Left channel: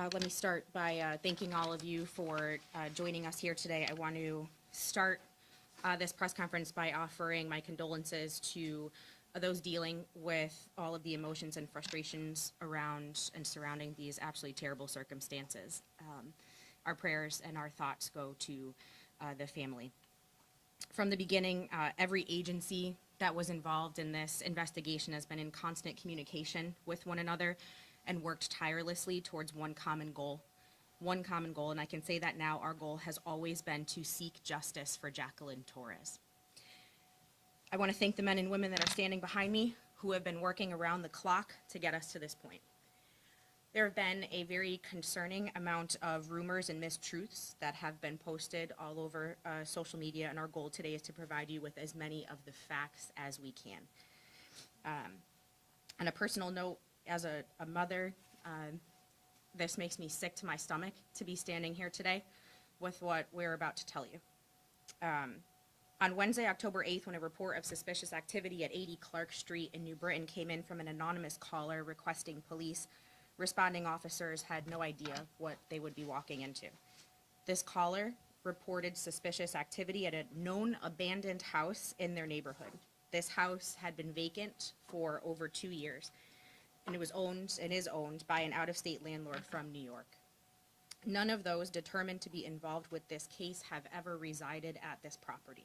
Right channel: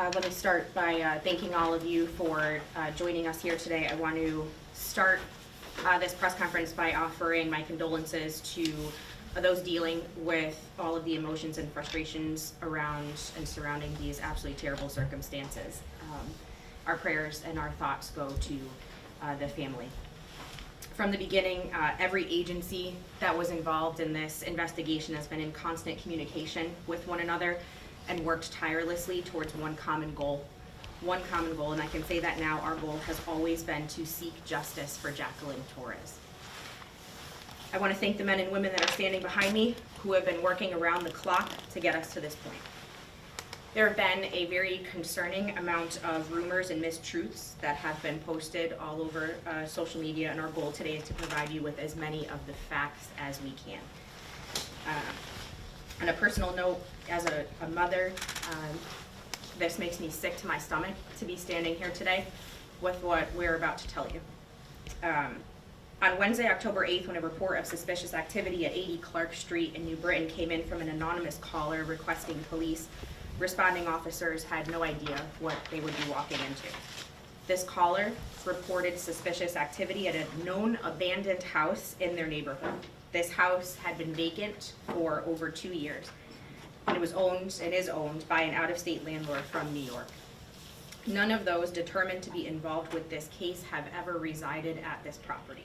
Let me start by thanking all of you for joining us here today. I want to start this press conference by offering my condolences to those dealing with all of the emotions and frustrations around and surrounding these absolutely terrible circumstances. Our prayers and our thoughts go to the family. From the beginning, every agency that was involved in this investigation has been in constant communication with one another and worked tirelessly towards one common goal, and I can say that now our goal has always been to seek justice for Jacqueline Torres. I want to thank the men and women that are standing behind me who have been working around the clock to get us to this point. There have been a very concerning amount of rumors and mistruths that have been posted all over social media, and our goal today is to provide you with as many of the facts as we can. On a personal note, as a mother, this makes me sick to my stomach to be standing here today with what we're about to tell you. On Wednesday, October 8th, when a report of suspicious activity at 80 Clark Street in New Britain came in from an anonymous caller requesting police, responding officers had no idea what they would be walking into. This caller reported suspicious activity at a known abandoned house in their neighborhood. This house had been vacant for over 2 years, and it is owned by an out-of-state landlord from New York. None of those determined to be involved with this case have ever resided at this property.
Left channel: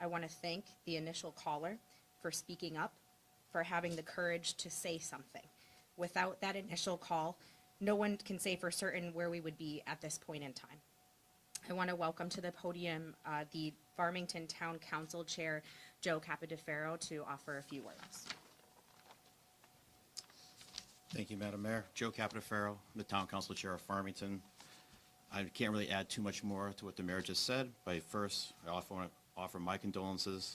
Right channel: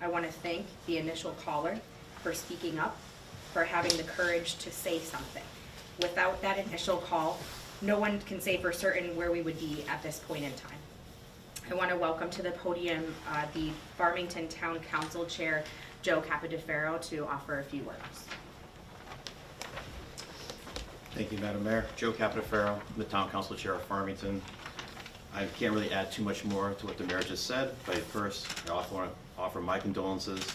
I want to thank the initial caller for speaking up, for having the courage to say something. Without that initial call, no one can say for certain where we would be at this point in time. I want to welcome to the podium the Farmington Town Council Chair, Joe Capodefaro, to offer a few words. Thank you, Madam Mayor. Joe Capodefaro, the Town Council Chair of Farmington. I can't really add too much more to what the Mayor just said, but first, I also want to offer my condolences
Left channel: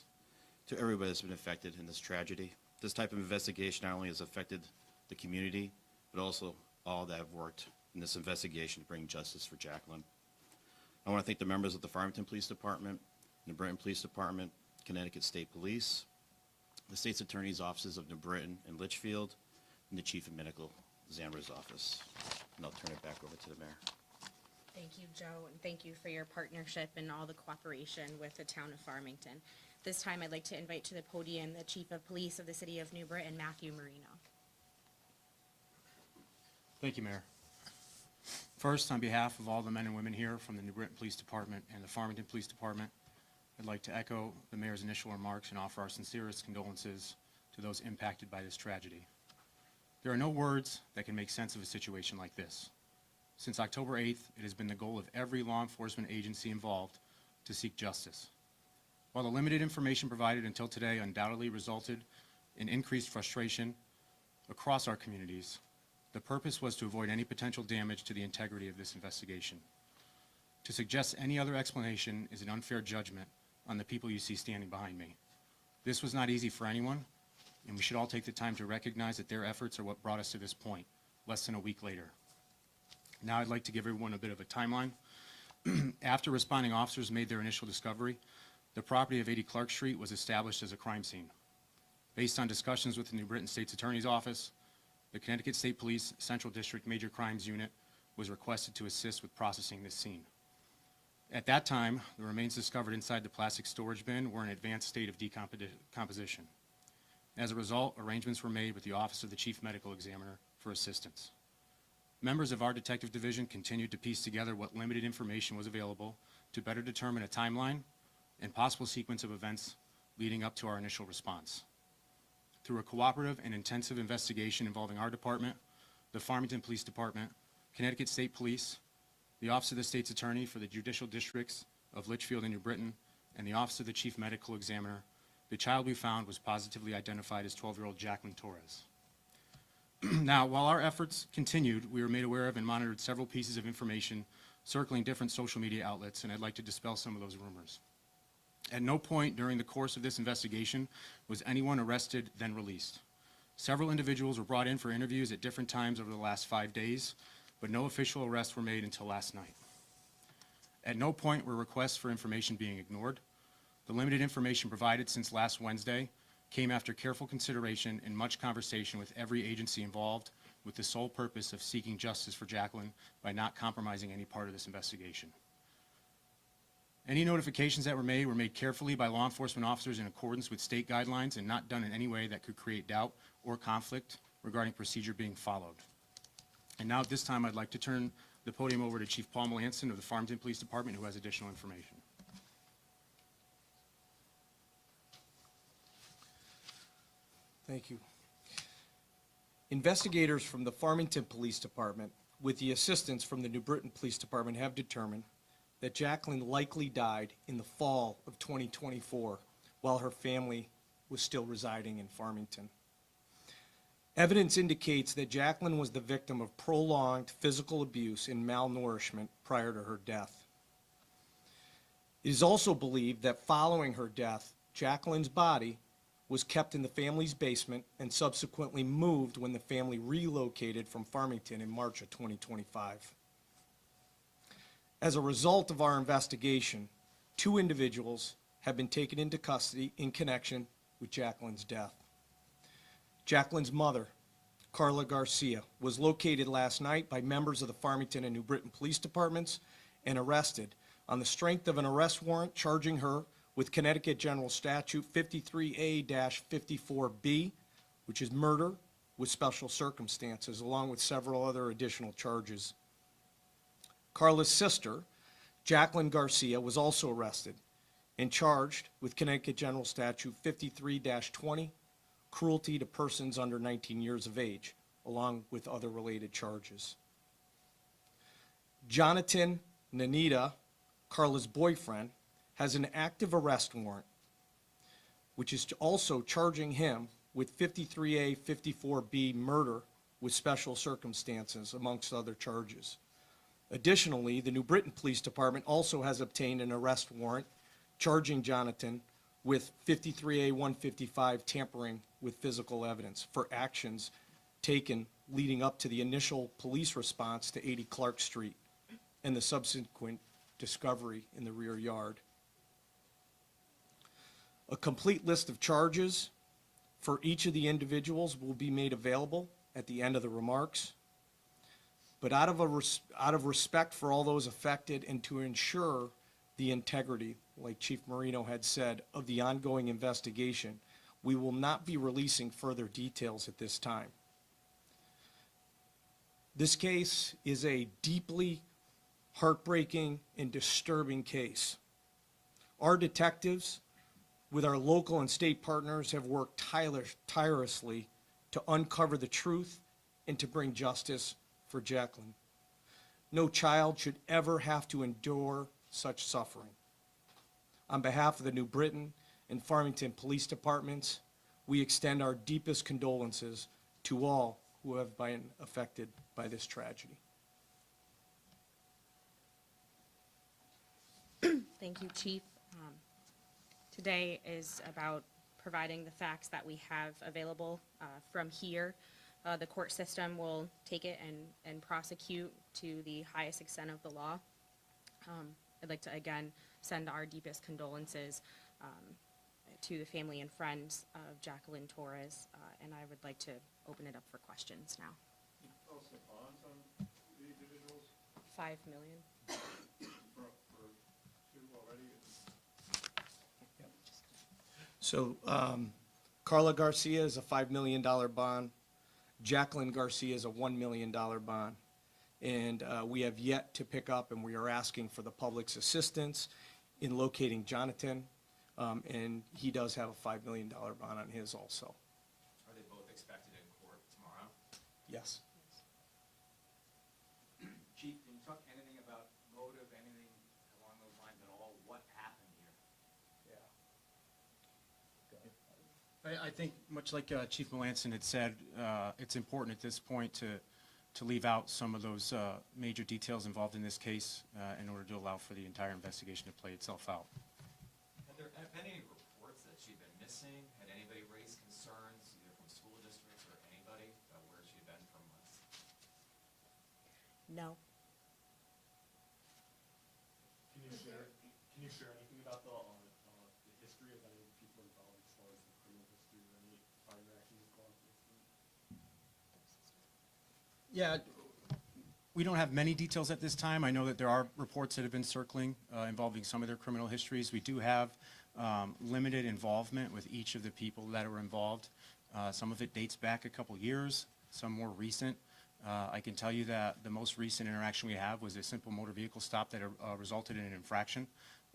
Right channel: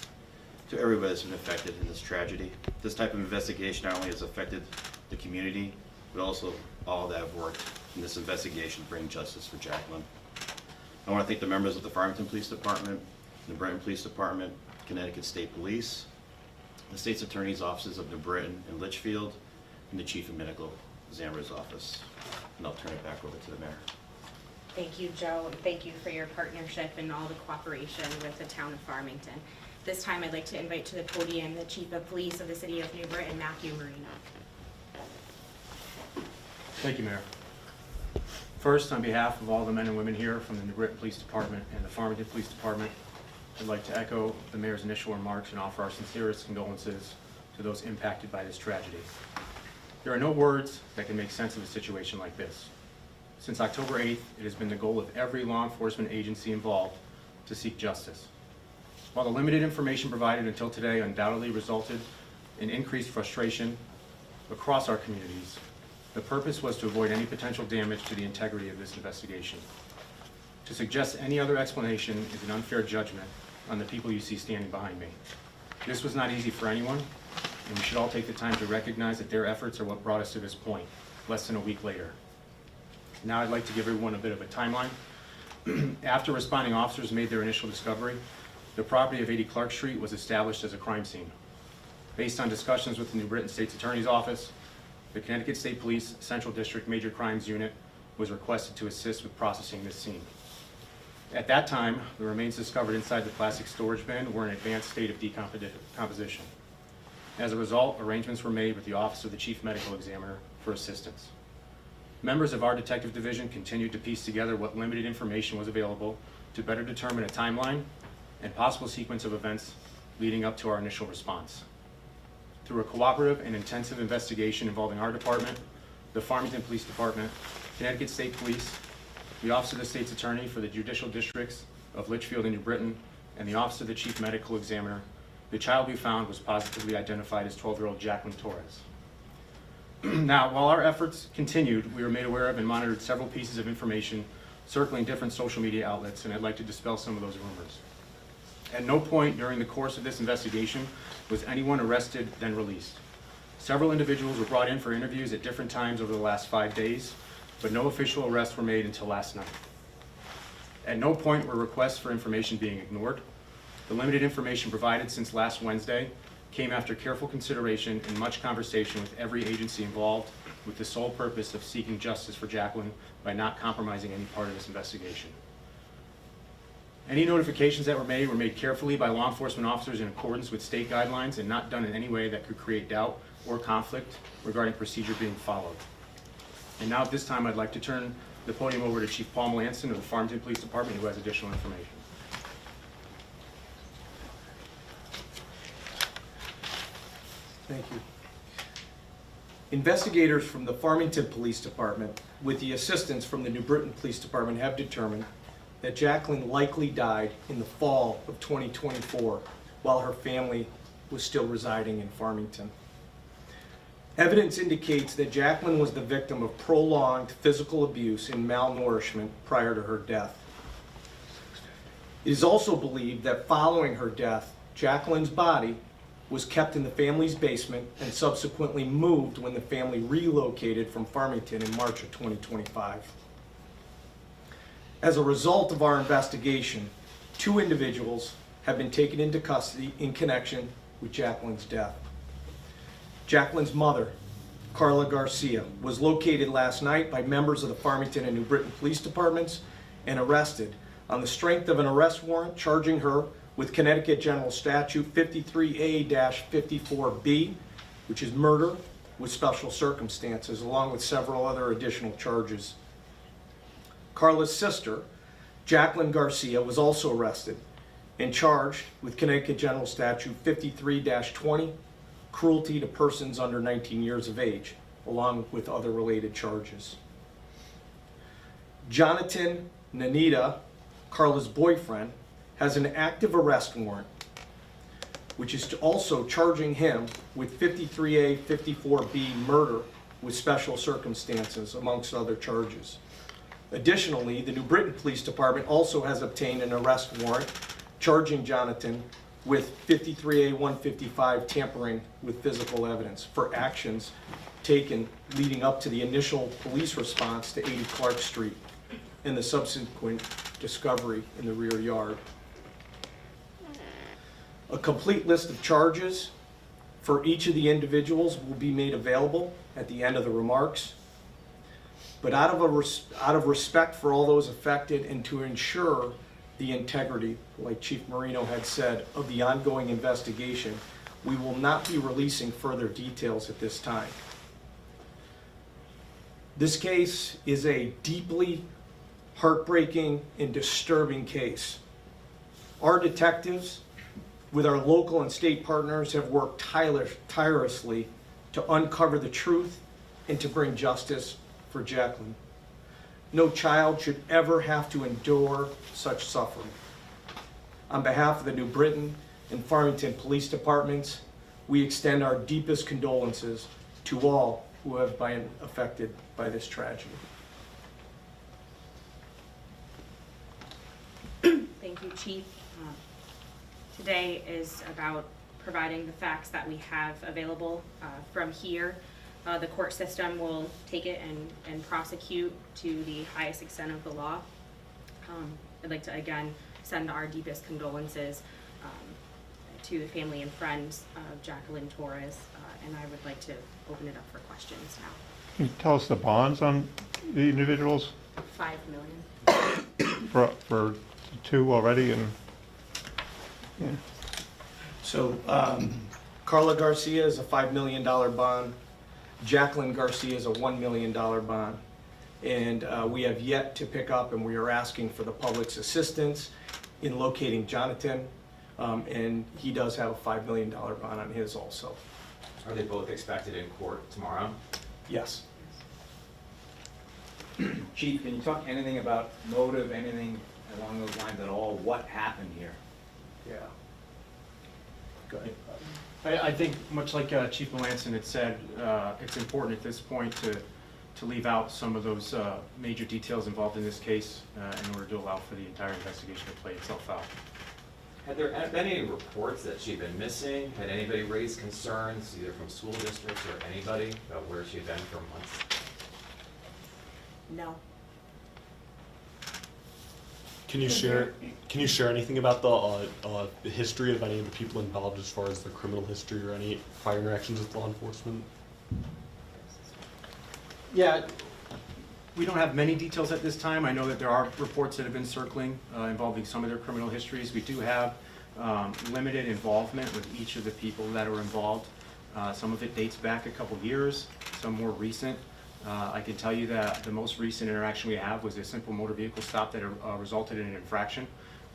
to everybody that's been affected in this tragedy. This type of investigation not only has affected the community, but also all that have worked in this investigation to bring justice for Jacqueline. I want to thank the members of the Farmington Police Department, New Britain Police Department, Connecticut State Police, the State's Attorney's Offices of New Britain and Litchfield, and the Chief of Medical Examiner's Office. And I'll turn it back over to the Mayor. Thank you, Joe, and thank you for your partnership and all the cooperation with the town of Farmington. This time I'd like to invite to the podium the Chief of Police of the City of New Britain, Matthew Marino. Thank you, Mayor. First, on behalf of all the men and women here from the New Britain Police Department and the Farmington Police Department, I'd like to echo the Mayor's initial remarks and offer our sincerest condolences to those impacted by this tragedy. There are no words that can make sense of a situation like this. Since October 8th, it has been the goal of every law enforcement agency involved to seek justice. While the limited information provided until today undoubtedly resulted in increased frustration across our communities, the purpose was to avoid any potential damage to the integrity of this investigation. To suggest any other explanation is an unfair judgment on the people you see standing behind me. This was not easy for anyone, and we should all take the time to recognize that their efforts are what brought us to this point, less than a week later. Now I'd like to give everyone a bit of a timeline. After responding officers made their initial discovery, the property of 80 Clark Street was established as a crime scene. Based on discussions with the New Britain State's Attorney's Office, the Connecticut State Police Central District Major Crimes Unit was requested to assist with processing this scene. At that time, the remains discovered inside the plastic storage bin were in an advanced state of decomposition. As a result, arrangements were made with the Office of the Chief Medical Examiner for assistance. Members of our detective division continued to piece together what limited information was available to better determine a timeline and possible sequence of events leading up to our initial response. Through a cooperative and intensive investigation involving our department, the Farmington Police Department, Connecticut State Police, the Office of the State's Attorney for the Judicial Districts of Litchfield and New Britain, and the Office of the Chief Medical Examiner, the child we found was positively identified as 12-year-old Jacqueline Torres. Now, while our efforts continued, we were made aware of and monitored several pieces of information circling different social media outlets, and I'd like to dispel some of those rumors. At no point during the course of this investigation was anyone arrested then released. Several individuals were brought in for interviews at different times over the last 5 days, but no official arrests were made until last night. At no point were requests for information being ignored. The limited information provided since last Wednesday came after careful consideration and much conversation with every agency involved with the sole purpose of seeking justice for Jacqueline by not compromising any part of this investigation. Any notifications that were made carefully by law enforcement officers in accordance with state guidelines and not done in any way that could create doubt or conflict regarding procedure being followed. And now at this time, I'd like to turn the podium over to Chief Paul Melanson of the Farmington Police Department, who has additional information. Thank you. Investigators from the Farmington Police Department, with the assistance from the New Britain Police Department, have determined that Jacqueline likely died in the fall of 2024 while her family was still residing in Farmington. Evidence indicates that Jacqueline was the victim of prolonged physical abuse and malnourishment prior to her death. It is also believed that following her death, Jacqueline's body was kept in the family's basement and subsequently moved when the family relocated from Farmington in March of 2025. As a result of our investigation, 2 individuals have been taken into custody in connection with Jacqueline's death. Jacqueline's mother, Carla Garcia, was located last night by members of the Farmington and New Britain Police Departments and arrested on the strength of an arrest warrant charging her with Connecticut General Statute 53A-54B, which is murder with special circumstances, along with several other additional charges. Carla's sister, Jacqueline Garcia, was also arrested and charged with Connecticut General Statute 53-20, cruelty to persons under 19 years of age, along with other related charges. Jonathan Nanita, Carla's boyfriend, has an active arrest warrant, which is also charging him with 53A-54B murder with special circumstances, amongst other charges. Additionally, the New Britain Police Department also has obtained an arrest warrant charging Jonathan with 53A-155 tampering with physical evidence for actions taken leading up to the initial police response to 80 Clark Street and the subsequent discovery in the rear yard. A complete list of charges for each of the individuals will be made available at the end of the remarks. But out of respect for all those affected and to ensure the integrity, like Chief Marino had said, of the ongoing investigation, we will not be releasing further details at this time. This case is a deeply heartbreaking and disturbing case. Our detectives, with our local and state partners, have worked tirelessly to uncover the truth and to bring justice for Jacqueline. No child should ever have to endure such suffering. On behalf of the New Britain and Farmington Police Departments, we extend our deepest condolences to all who have been affected by this tragedy. Thank you, Chief. Today is about providing the facts that we have available from here. The court system will take it and prosecute to the highest extent of the law. I'd like to again send our deepest condolences to the family and friends of Jacqueline Torres, and I would like to open it up for questions now. Can you tell us the bonds on the individuals $5 million. for 2 already? And yeah. So Carla Garcia is a $5 million bond. Jacqueline Garcia is a $1 million bond. And we have yet to pick up, and we are asking for the public's assistance in locating Jonathan. And he does have a $5 million bond on his also. Are they both expected in court tomorrow? Yes. Chief, can you talk anything about motive, anything along those lines at all? What happened here? Yeah. Go ahead. I think, much like Chief Melanson had said, it's important at this point to leave out some of those major details involved in this case in order to allow for the entire investigation to play itself out. Had there been any reports that she'd been missing? Had anybody raised concerns, either from school districts or anybody, about where she'd been for months? No. Can you share anything about the history of any of the people involved as far as their criminal history or any prior interactions with law enforcement? Yeah, we don't have many details at this time. I know that there are reports that have been circling involving some of their criminal histories. We do have limited involvement with each of the people that are involved. Some of it dates back a couple years, some more recent. I can tell you that the most recent interaction we have was a simple motor vehicle stop that resulted in an infraction,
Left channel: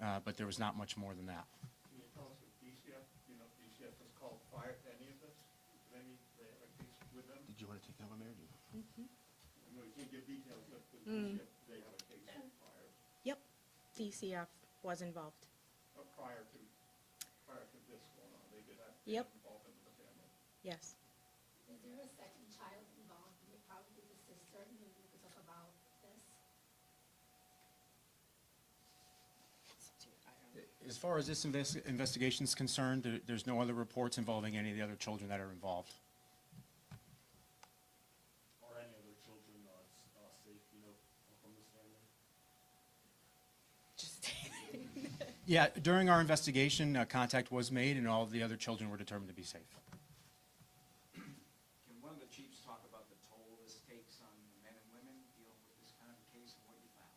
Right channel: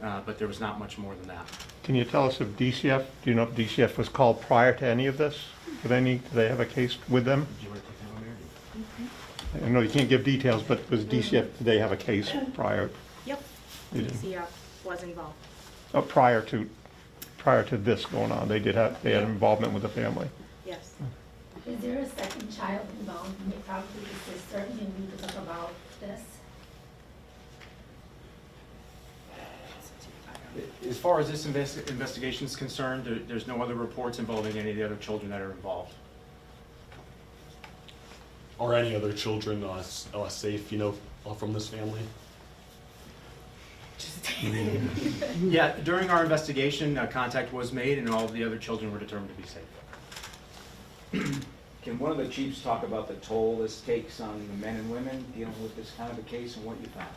but there was not much more than that. Can you tell us if DCF, do you know if DCF was called prior to any of this? Do they have a case with them? Do you want to take that one, Mary? I know you can't give details, but was DCF, did they have a case prior, Yep. You did. DCF was involved. prior to this going on? They had involvement with the family? Yes. Is there a second child involved, probably the sister, and we need to talk about this? As far as this investigation is concerned, there's no other reports involving any of the other children that are involved. Are any other children safe, from this family? Yeah, during our investigation, contact was made and all of the other children were determined to be safe. Can one of the chiefs talk about the toll this takes on the men and women dealing with this kind of a case and what you found?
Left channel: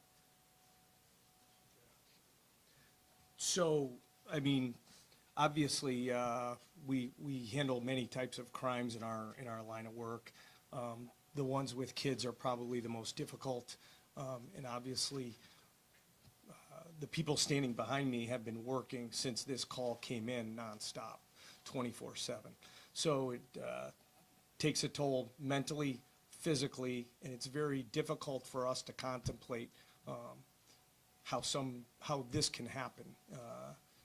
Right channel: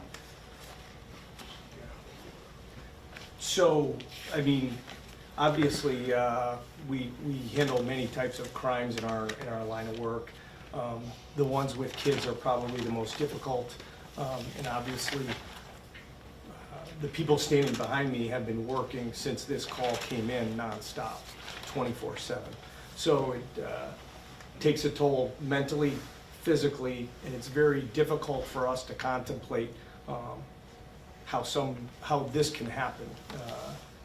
So, I mean, obviously, we handle many types of crimes in our line of work. The ones with kids are probably the most difficult, and obviously, the people standing behind me have been working since this call came in nonstop, 24/7. So it takes a toll mentally, physically, and it's very difficult for us to contemplate how this can happen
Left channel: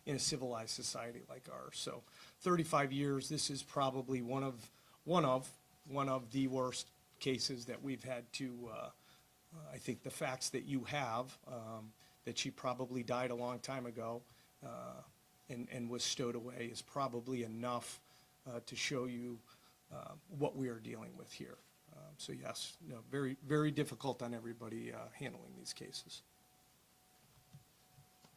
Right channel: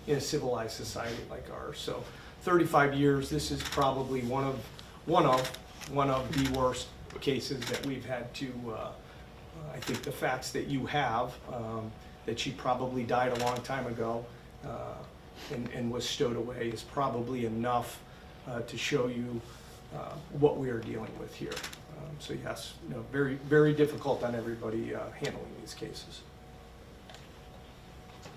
in a civilized society like ours. So 35 years, this is probably one of the worst cases that we've had to, I think the facts that you have, that she probably died a long time ago and was stowed away is probably enough to show you what we are dealing with here. So yes, very, very difficult on everybody handling these cases.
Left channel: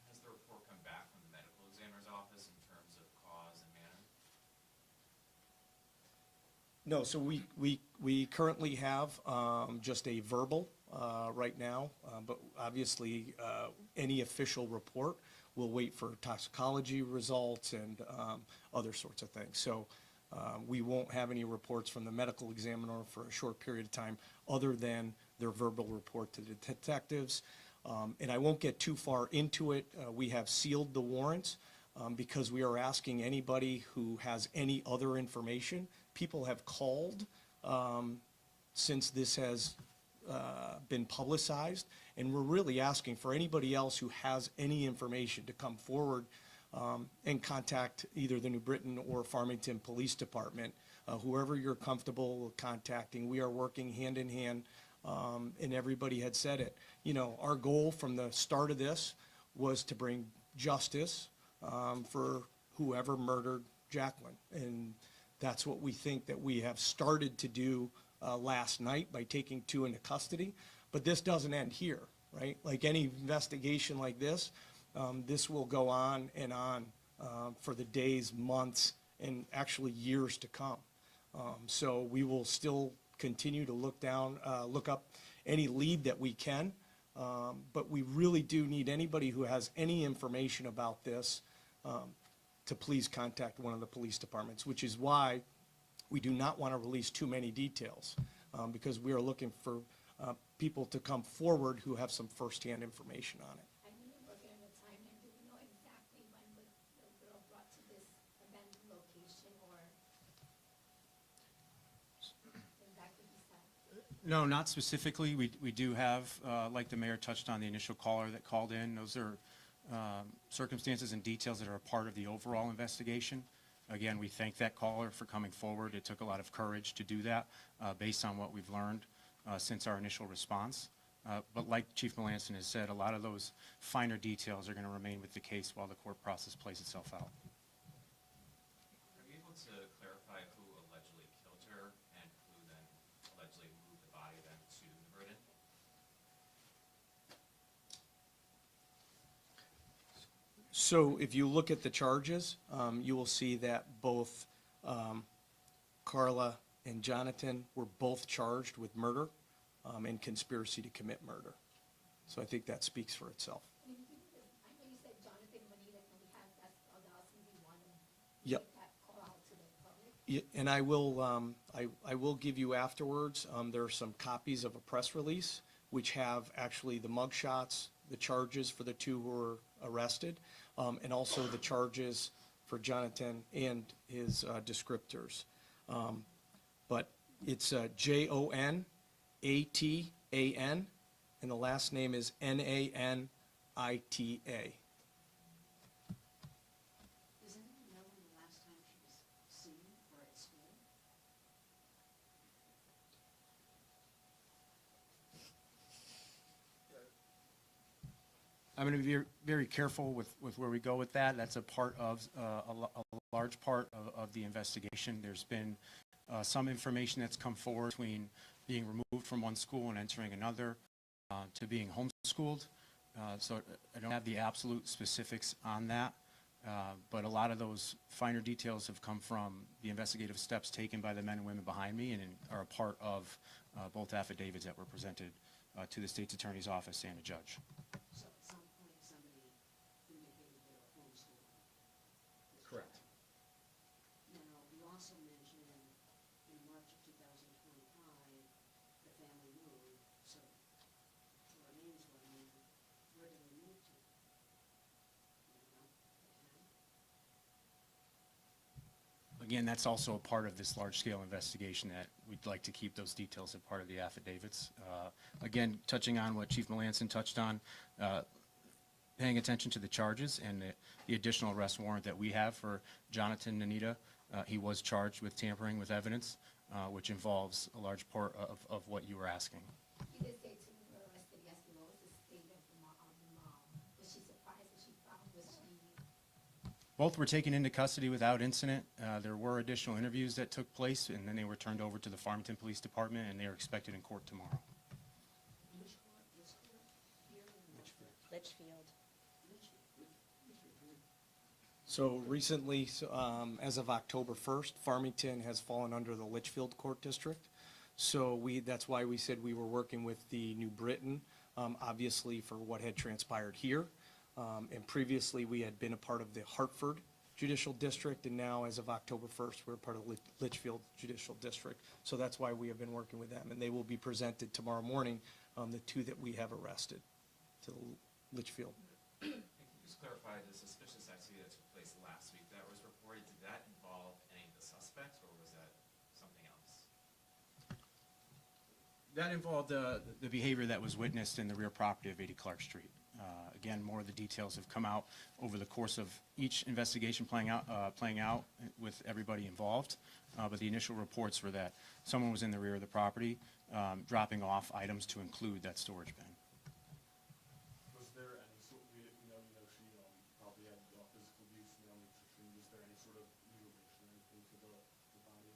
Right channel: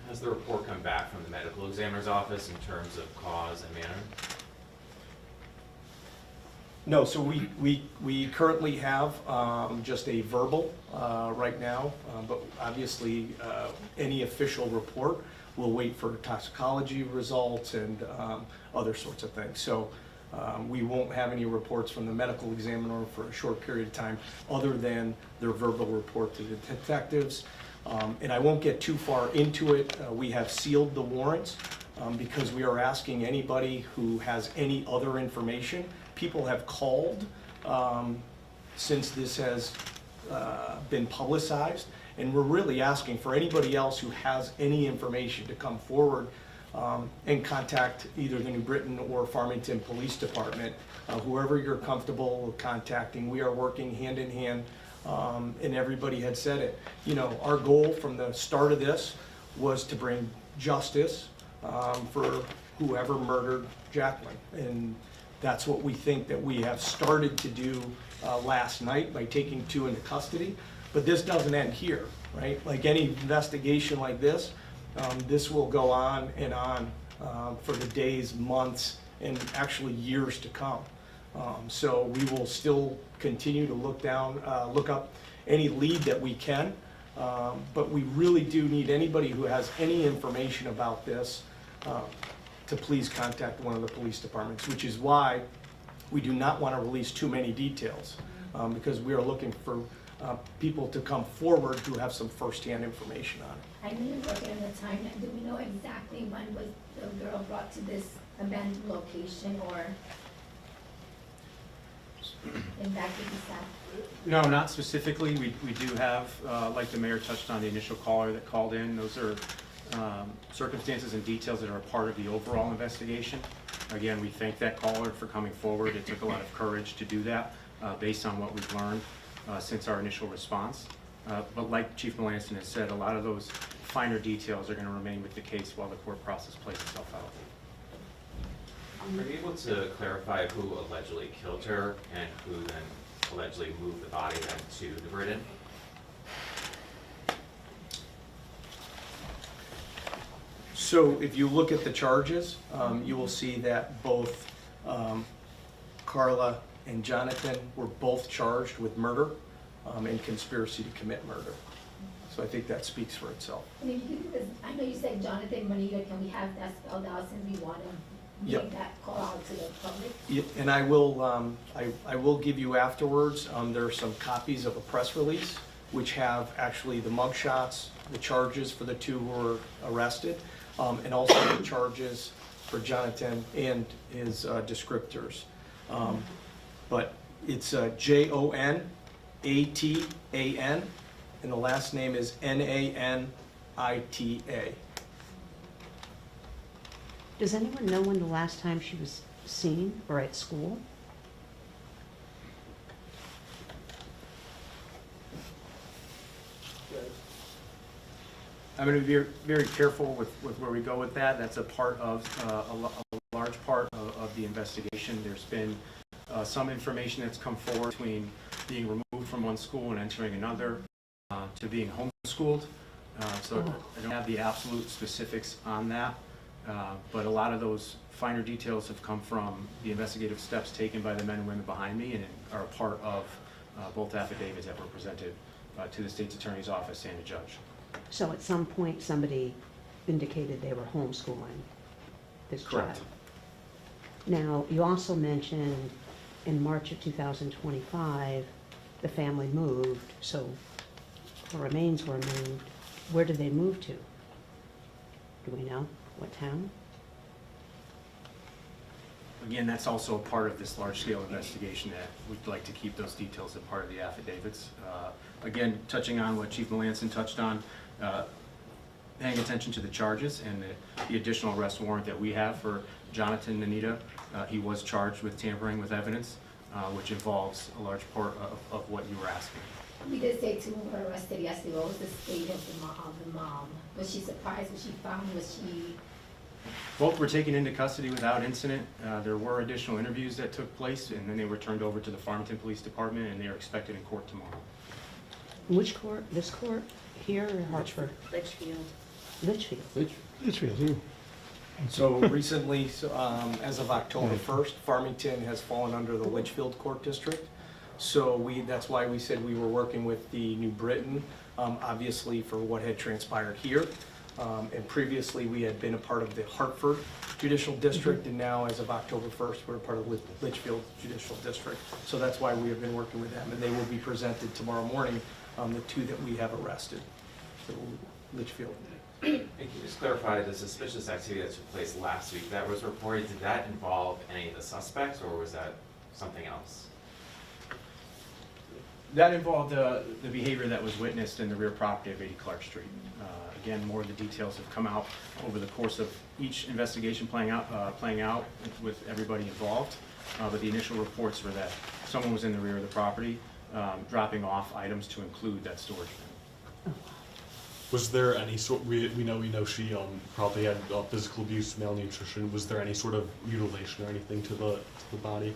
Has the report come back from the medical examiner's office in terms of cause and manner? No, so we currently have just a verbal right now, but obviously any official report will wait for toxicology results and other sorts of things. So we won't have any reports from the medical examiner for a short period of time other than their verbal report to the detectives. And I won't get too far into it. We have sealed the warrants because we are asking anybody who has any other information. People have called since this has been publicized, and we're really asking for anybody else who has any information to come forward and contact either the New Britain or Farmington Police Department, whoever you're comfortable contacting. We are working hand in hand, and everybody had said it. Our goal from the start of this was to bring justice for whoever murdered Jacqueline, and that's what we think that we have started to do last night by taking 2 into custody. But this doesn't end here, right? Like any investigation like this, this will go on and on for the days, months, and actually years to come. So we will still continue to look up any lead that we can, but we really do need anybody who has any information about this to please contact one of the police departments, which is why we do not want to release too many details, because we are looking for people to come forward who have some firsthand information on it. I know you're working on the timeline. Do we know exactly when was the girl brought to this abandoned location, or in that could be said? No, not specifically. We do have, like the mayor touched on, the initial caller that called in. Those are circumstances and details that are a part of the overall investigation. Again, we thank that caller for coming forward. It took a lot of courage to do that based on what we've learned since our initial response. But like Chief Melanson has said, a lot of those finer details are going to remain with the case while the court process plays itself out. Are you able to clarify who allegedly killed her and who then allegedly moved the body then to New Britain? So if you look at the charges, you will see that both Carla and Jonathan were both charged with murder. and conspiracy to commit murder. So I think that speaks for itself. And if you could, because I know you said Jonathan Manita, can we have that spelled out since we want to Yep. make that call out to the public? Yeah, and I will give you afterwards, there are some copies of a press release which have actually the mugshots, the charges for the two who were arrested, and also the charges for Jonathan and his descriptors. But it's Jonatan, and the last name is Nanita. Does anyone know when the last time she was seen or at school? I'm going to be very careful with where we go with that. That's a part of, a large part of the investigation. There's been some information that's come forward between being removed from one school and entering another, to being homeschooled. So I don't have the absolute specifics on that, but a lot of those finer details have come from the investigative steps taken by the men and women behind me and are a part of both affidavits that were presented to the state's attorney's office and the judge. So at some point, somebody indicated they were homeschooling this child. Correct. Now, you also mentioned in March of 2025, the family moved, so the remains were moved. Where did they move to? Do we know? What town? Again, that's also a part of this large-scale investigation that we'd like to keep those details a part of the affidavits. Again, touching on what Chief Melanson touched on, paying attention to the charges and the additional arrest warrant that we have for Jonathan Nanita. He was charged with tampering with evidence, which involves a large part of what you were asking. We did say two were arrested yesterday. What was the state of the mom? Was she surprised when she found? Was she? Both were taken into custody without incident. There were additional interviews that took place, and then they were turned over to the Farmington Police Department, and they are expected in court tomorrow. Which court? This court? Here or Hartford? Litchfield. Litchfield. Litchfield, yeah. So recently, as of October 1st, Farmington has fallen under the Litchfield Court District. So that's why we said we were working with the New Britain, obviously for what had transpired here. And previously, we had been a part of the Hartford Judicial District, and now, as of October 1st, we're a part of Litchfield Judicial District. So that's why we have been working with them, and they will be presented tomorrow morning, the two that we have arrested, so Litchfield. And can you just clarify the suspicious activity that took place last week that was reported? Did that involve any of the suspects, or was that something else? That involved the behavior that was witnessed in the rear property of 80 Clark Street. Again, more of the details have come out over the course of each investigation playing out with everybody involved. But the initial reports were that someone was in the rear of the property dropping off items to include that storage bin. Was there any sort? We know she probably had physical abuse, malnutrition. Was there any sort of mutilation or anything to the body?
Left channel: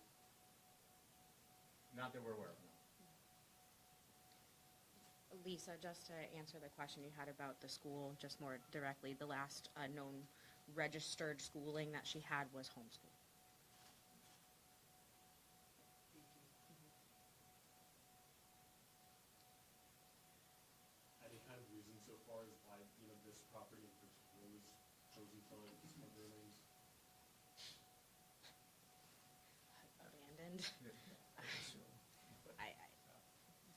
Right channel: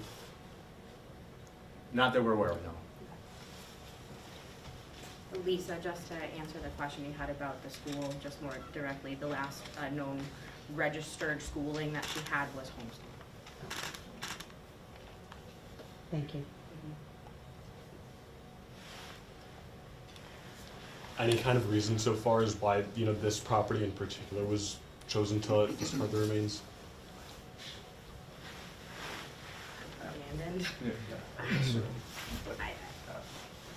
Not that we're aware of, no. Lisa, just to answer the question you had about the school, just more directly, the last known registered schooling that she had was homeschool. Thank you. Any kind of reason so far as why this property in particular was chosen to discard the remains? Abandoned.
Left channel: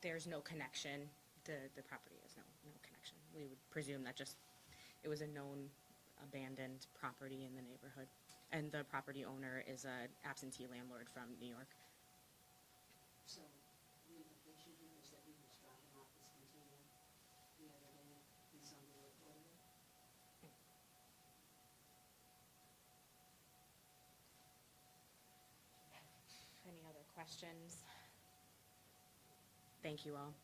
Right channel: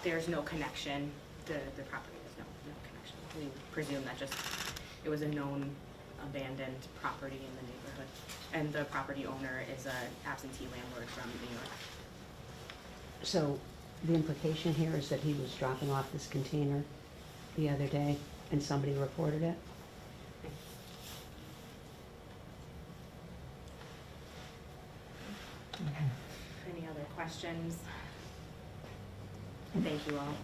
There's no connection. The property has no connection. We presume that it was a known abandoned property in the neighborhood. And the property owner is an absentee landlord from New York. So the implication here is that he was dropping off this container the other day and somebody reported it? Any other questions? Thank you all.